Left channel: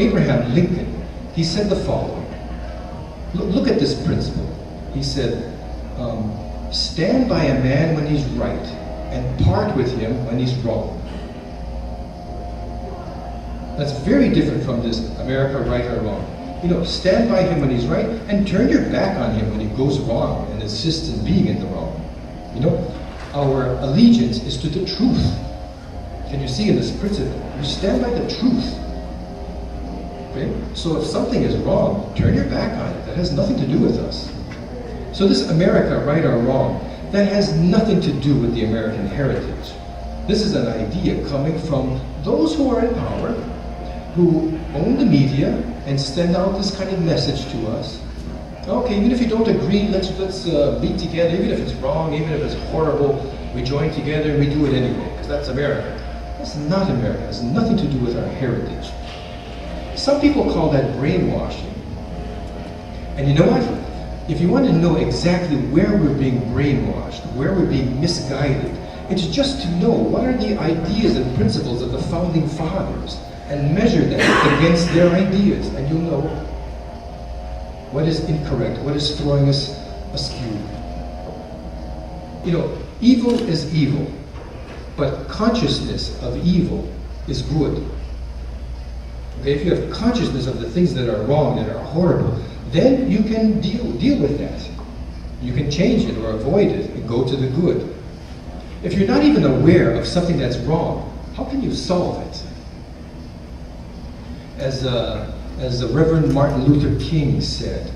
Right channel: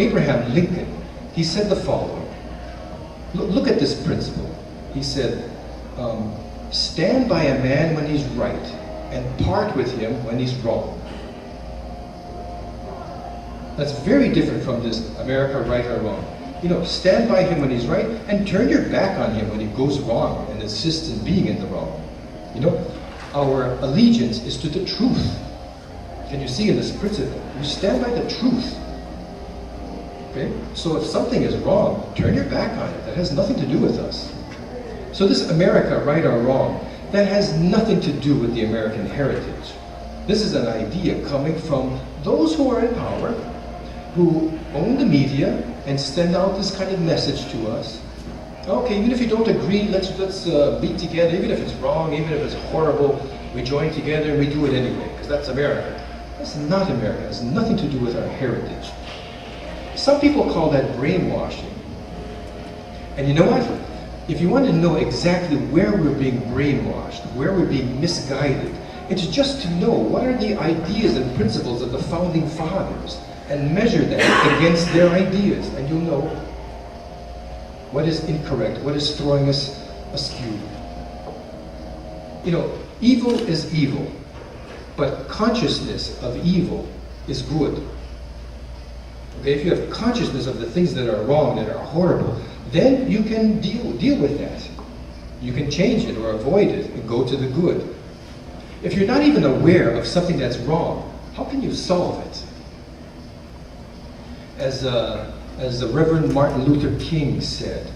Abraham Lincoln, he said the following. Look at this principle. He said, stand by a man when he's right and part with him when he's wrong. That's very different from this America right or wrong. Stand by him when he's right and turn your back on him when he goes wrong and insists in being in the wrong. Our allegiance is to the truth. Can you see in this principle? You stand by the truth. Okay? So if something is wrong, turn your back on it. That has nothing to do with us. So this America right or wrong, that has nothing to do with the American heritage. This is an idea coming from those who are in power, who own the media and send out this kind of message to us. Okay, even if you don't agree, let's be together. Even if it's wrong, even if it's horrible, we join together and we do it anyway, because that's America. That's not America. It has nothing to do with our heritage. Some people call that brainwashing. And you know what? If you want to know exactly where we're being brainwashed, where we're being misguided, it's just to know what are the ideas and principles of the founding fathers and measure that against their ideas, and you'll know what is incorrect, what is throwing us askew. Evil is evil, but consciousness of evil is good. Okay, if you have consciousness of the things that are wrong, that are horrible, then you can deal with that. You can change it or avoid it and go to the good. If you're not even aware of something that's wrong, how can you solve it? As the Reverend Martin Luther King said,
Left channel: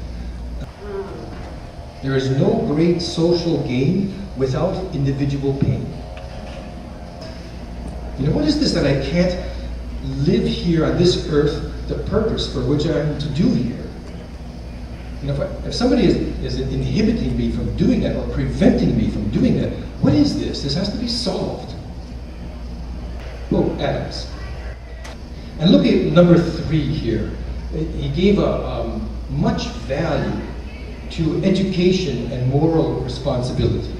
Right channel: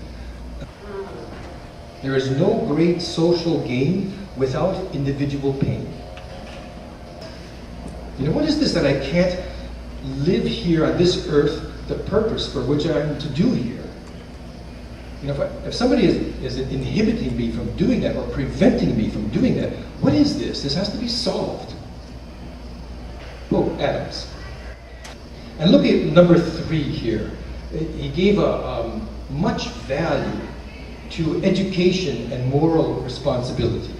there is no great social gain without individual pain. What is this that I can't live here on this earth, the purpose for which I'm to do here? If somebody is inhibiting me from doing that or preventing me from doing that, what is this? This has to be solved. Oh, Adams. And look at number 3 here. He gave much value to education and moral responsibility.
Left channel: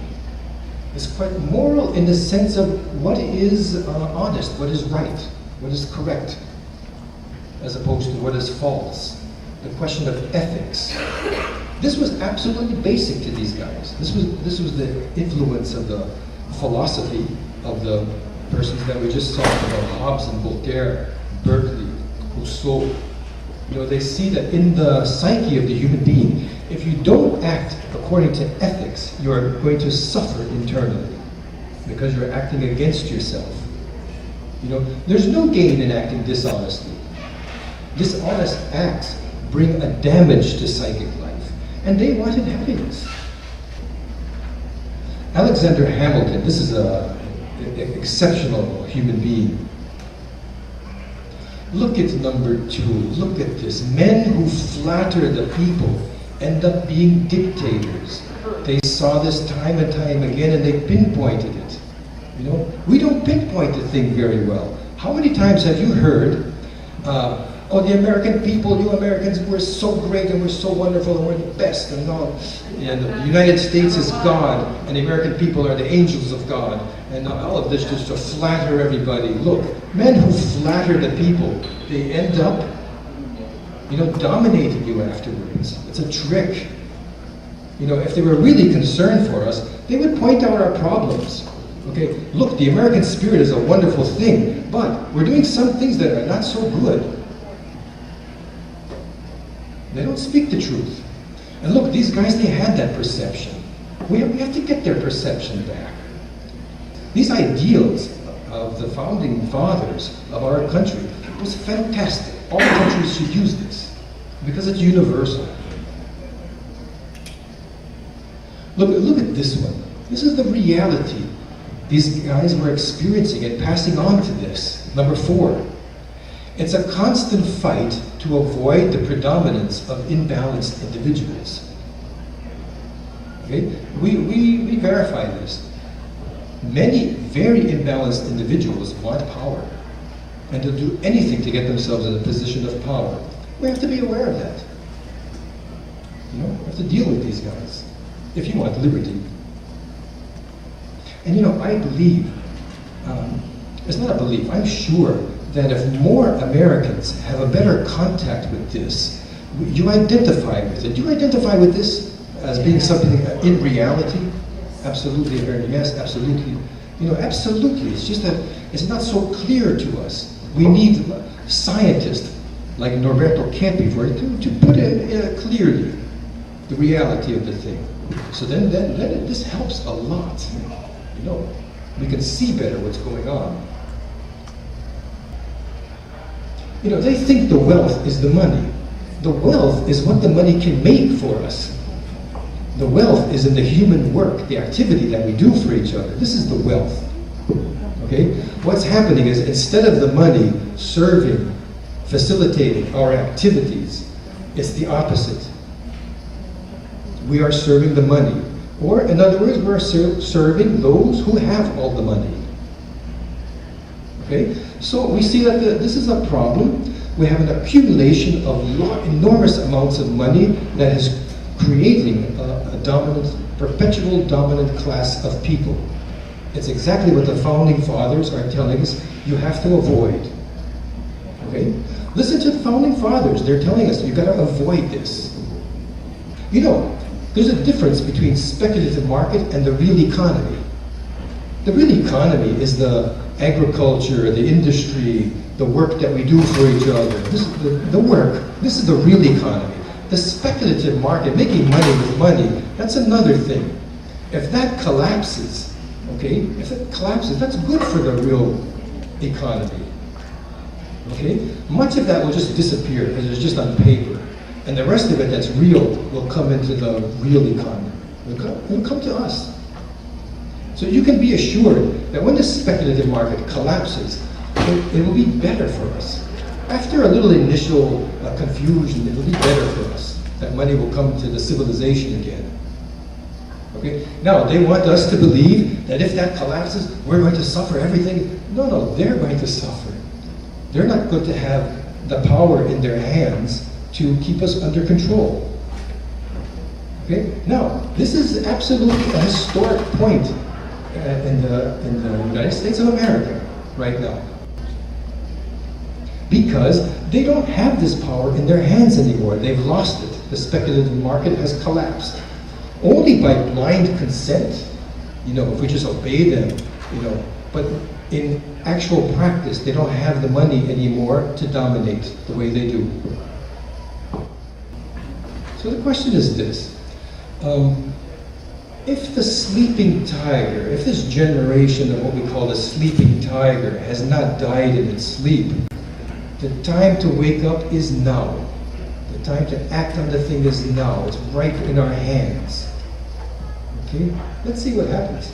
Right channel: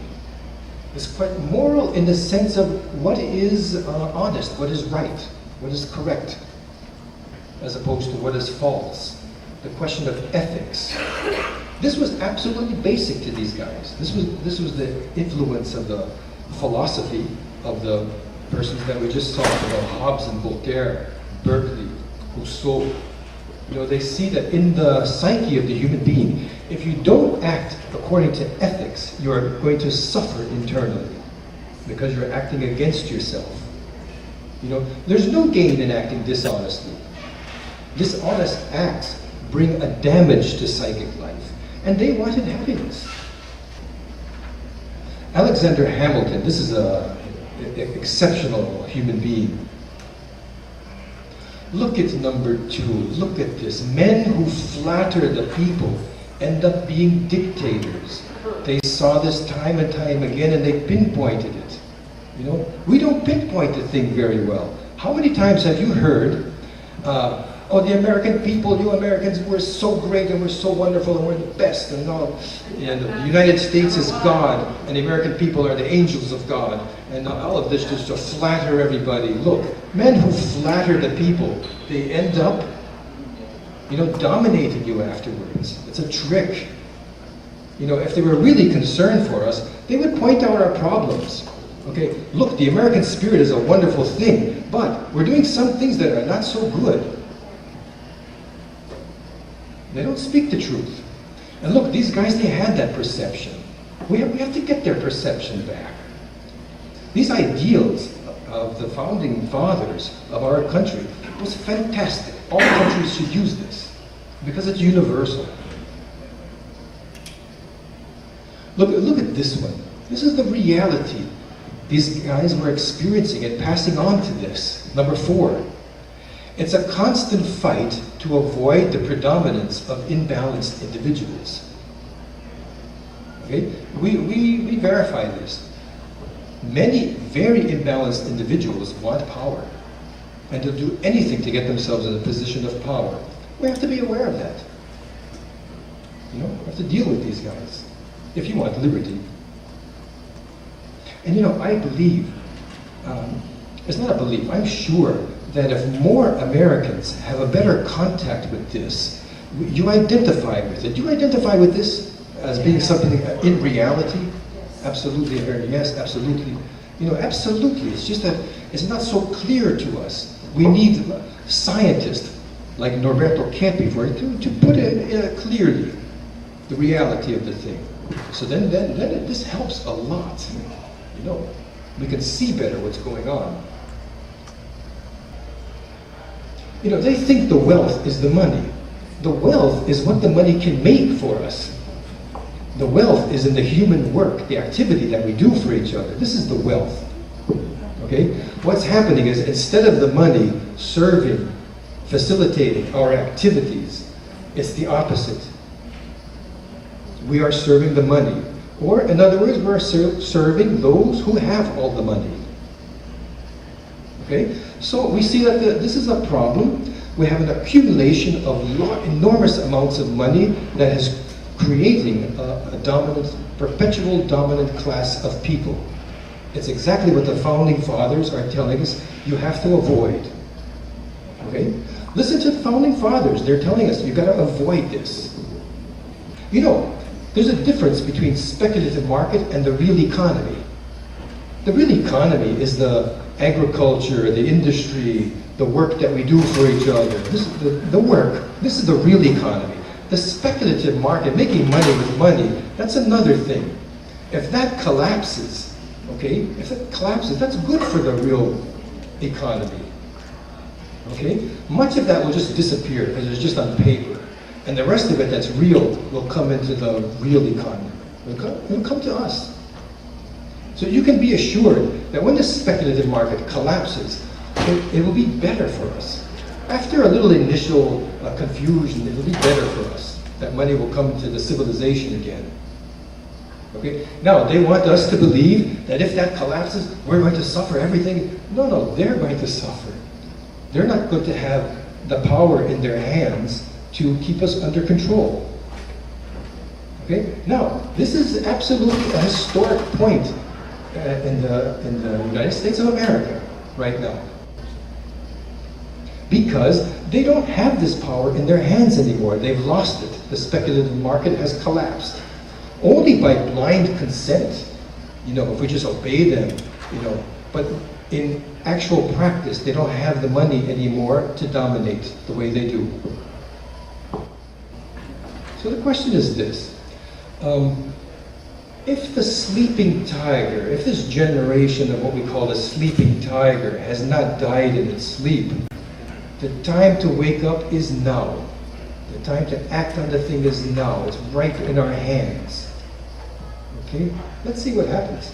It's quite moral in the sense of what is honest, what is right, what is correct, as opposed to what is false. The question of ethics. This was absolutely basic to these guys. This was the influence of the philosophy of the persons that we just talked about, Hobbes and Voltaire, Berkeley, Rousseau. They see that in the psyche of the human being, if you don't act according to ethics, you are going to suffer internally because you're acting against yourself. There's no gain in acting dishonestly. Dishonest acts bring a damage to psychic life, and they wanted happiness. Alexander Hamilton, this is an exceptional human being. Look at number 2. Look at this. Men who flatter the people end up being dictators. They saw this time and time again, and they pinpointed it. We don't pinpoint the thing very well. How many times have you heard, oh, the American people, you Americans, we're so great and we're so wonderful and we're the best and all. And the United States is God and the American people are the angels of God. And all of this just to flatter everybody. Look, men who flatter the people, they end up, dominating you afterwards. It's a trick. If they were really concerned for us, they would point out our problems. Okay, look, the American spirit is a wonderful thing, but we're doing some things that are not so good. They don't speak the truth. And look, these guys, they had that perception. We have to get their perception back. These ideals of the founding fathers of our country was fantastic. All countries should use this because it's universal. Look at this one. This is the reality these guys were experiencing and passing on to this. Number 4. It's a constant fight to avoid the predominance of imbalanced individuals. Okay? We verify this. Many very imbalanced individuals want power, and they'll do anything to get themselves in a position of power. We have to be aware of that. We have to deal with these guys if you want liberty. And I believe, it's not a belief, I'm sure that if more Americans have a better contact with this, you identify with it. Do you identify with this as being something in reality? Absolutely, yes, absolutely. You know, absolutely. It's just that it's not so clear to us. We need scientists like Norberto Campi for it to put it clearly, the reality of the thing. So then this helps a lot. You know, we can see better what's going on. You know, they think the wealth is the money. The wealth is what the money can make for us. The wealth is in the human work, the activity that we do for each other. This is the wealth. Okay? What's happening is instead of the money serving, facilitating our activities, it's the opposite. We are serving the money. Or, in other words, we're serving those who have all the money. Okay? So we see that this is a problem. We have an accumulation of enormous amounts of money that is creating a dominant, perpetual dominant class of people. It's exactly what the founding fathers are telling us you have to avoid. Okay? Listen to the founding fathers. They're telling us you've got to avoid this. You know, there's a difference between speculative market and the real economy. The real economy is the agriculture, the industry, the work that we do for each other. This is the work. This is the real economy. The speculative market, making money with money, that's another thing. If that collapses, okay, if it collapses, that's good for the real economy. Okay? Much of that will just disappear because it's just on paper. And the rest of it that's real will come into the real economy. It'll come to us. So you can be assured that when the speculative market collapses, it will be better for us. After a little initial confusion, it will be better for us. That money will come to the civilization again. Okay? Now, they want us to believe that if that collapses, we're going to suffer everything. No, they're going to suffer. They're not going to have the power in their hands to keep us under control. Okay? Now, this is absolutely a historic point in the United States of America right now. Because they don't have this power in their hands anymore. They've lost it. The speculative market has collapsed. Only by blind consent, you know, if we just obey them, you know, but in actual practice, they don't have the money anymore to dominate the way they do. So the question is this. If the sleeping tiger, if this generation of what we call the sleeping tiger has not died in its sleep, the time to wake up is now. The time to act on the thing is now. It's right in our hands. Okay? Let's see what happens.